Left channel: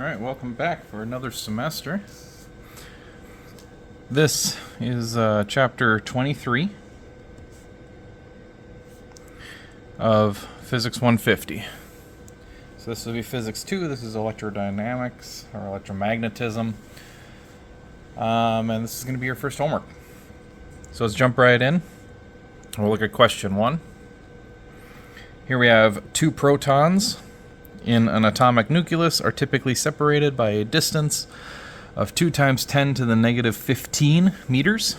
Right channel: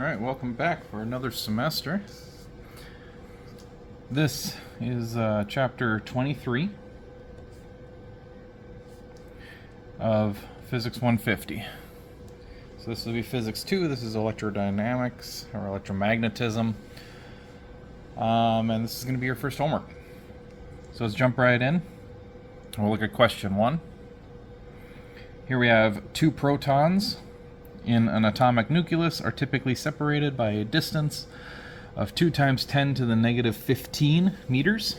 Alright, welcome back for another semester. This is chapter 23 of Physics 150. So this will be Physics 2, this is electrodynamics, or electromagnetism. And this is going to be your first homework. So let's jump right in. We'll look at question 1. Here we have two protons in an atomic nucleus are typically separated by a distance of 2 times 10 to the negative 15 meters.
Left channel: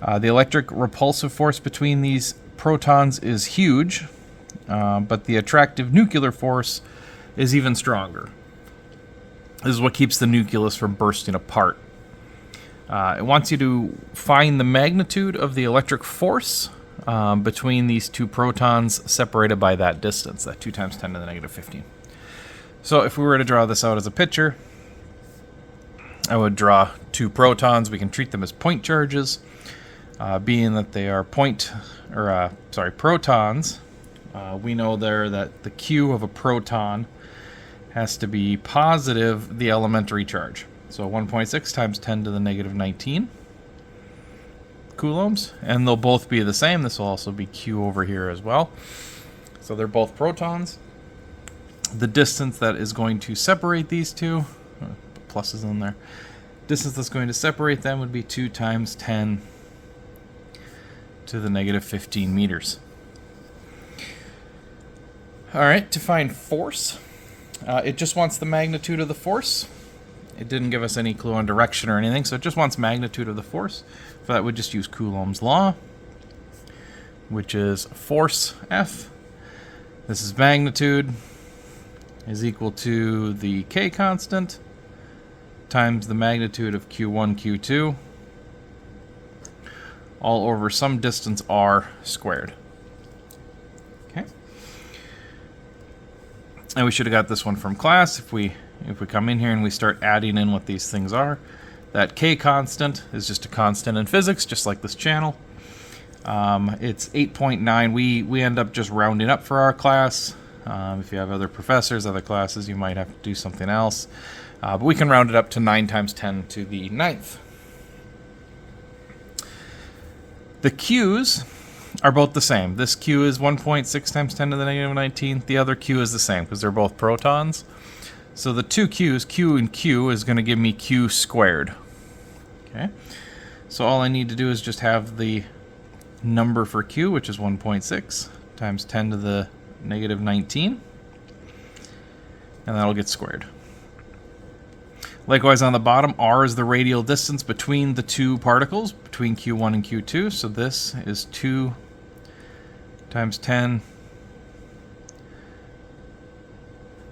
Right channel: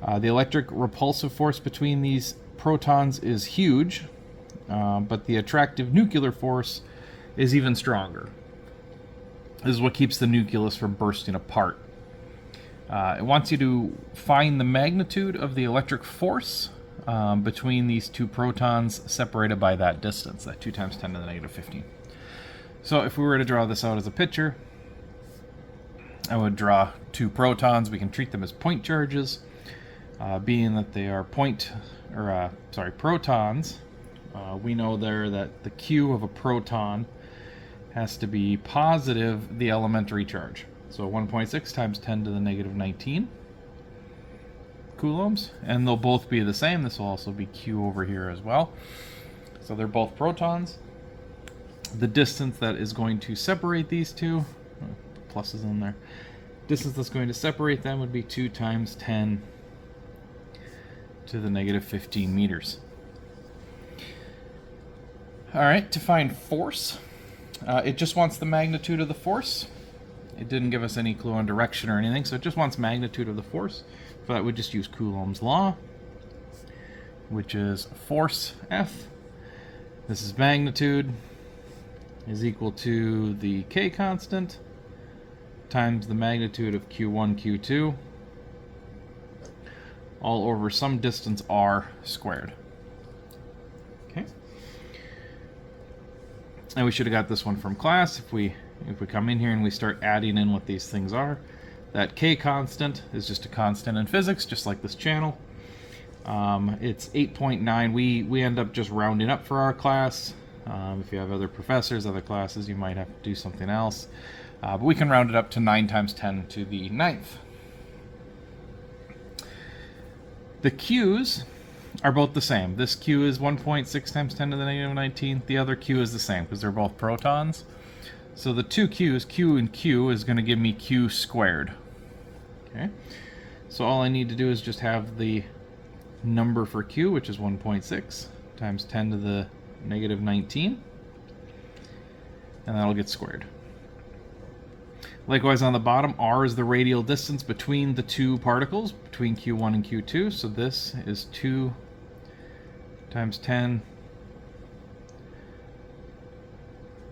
The electric repulsive force between these protons is huge, but the attractive nuclear force is even stronger. This is what keeps the nucleus from bursting apart. It wants you to find the magnitude of the electric force between these two protons separated by that distance, that 2 times 10 to the negative 15. So if we were to draw this out as a picture, I would draw two protons. We can treat them as point charges, being that they are protons. We know there that the Q of a proton has to be positive the elementary charge. So 1.6 times 10 to the negative 19 coulombs, and they'll both be the same. This will also be Q over here as well. So they're both protons. The distance that is going to separate these two, pluses in there, distance that's going to separate them would be 2 times 10 to the negative 15 meters. Alright, to find force, it just wants the magnitude of the force. It didn't give us any clue on direction or anything, so it just wants magnitude of the force. For that, we just use Coulomb's law, which is force F. This is magnitude is equal to the K constant times the magnitude of Q1, Q2, all over some distance r squared. Okay. And we should have got this one from class. If we come in here and we start adding in what these things are, that K constant is just a constant in physics, just like this channel. It's 8.9. We end up just rounding up for our class. If you have other professors, other classes, you might have to do something else. But we can round it up to 9 times 10 to the 9th. The Q's are both the same. This Q is 1.6 times 10 to the negative 19. The other Q is the same because they're both protons. So the two Q's, Q and Q, is going to give me Q squared. Okay. So all I need to do is just have the number for Q, which is 1.6 times 10 to the negative 19. And that'll get squared. Likewise on the bottom, R is the radial distance between the two particles, between Q1 and Q2. So this is 2 times 10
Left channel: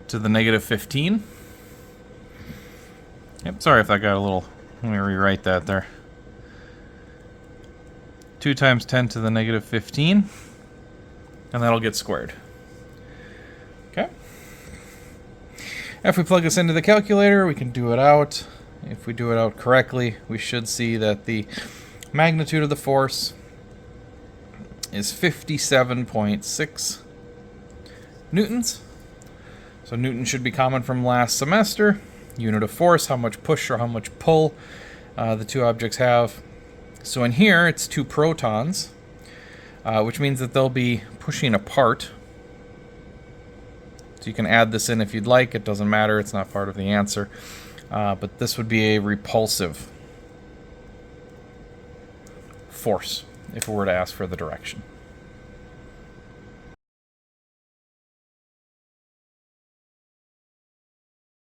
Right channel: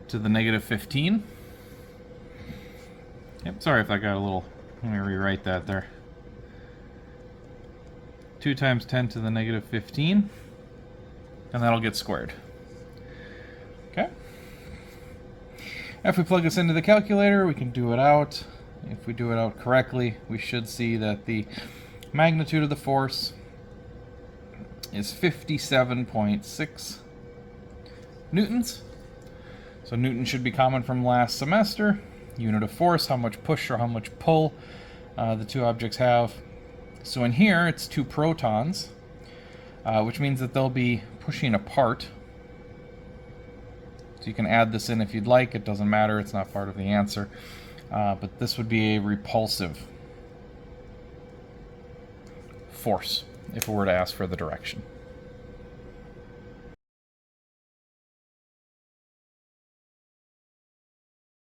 to the negative 15. Yep, sorry if that got a little, let me rewrite that there. 2 times 10 to the negative 15, and that'll get squared. Okay. If we plug this into the calculator, we can do it out. If we do it out correctly, we should see that the magnitude of the force is 57.6 newtons. So Newton should be common from last semester. Unit of force, how much push or how much pull the two objects have. So in here, it's two protons, which means that they'll be pushing apart. So you can add this in if you'd like. It doesn't matter. It's not part of the answer. But this would be a repulsive force if we were to ask for the direction.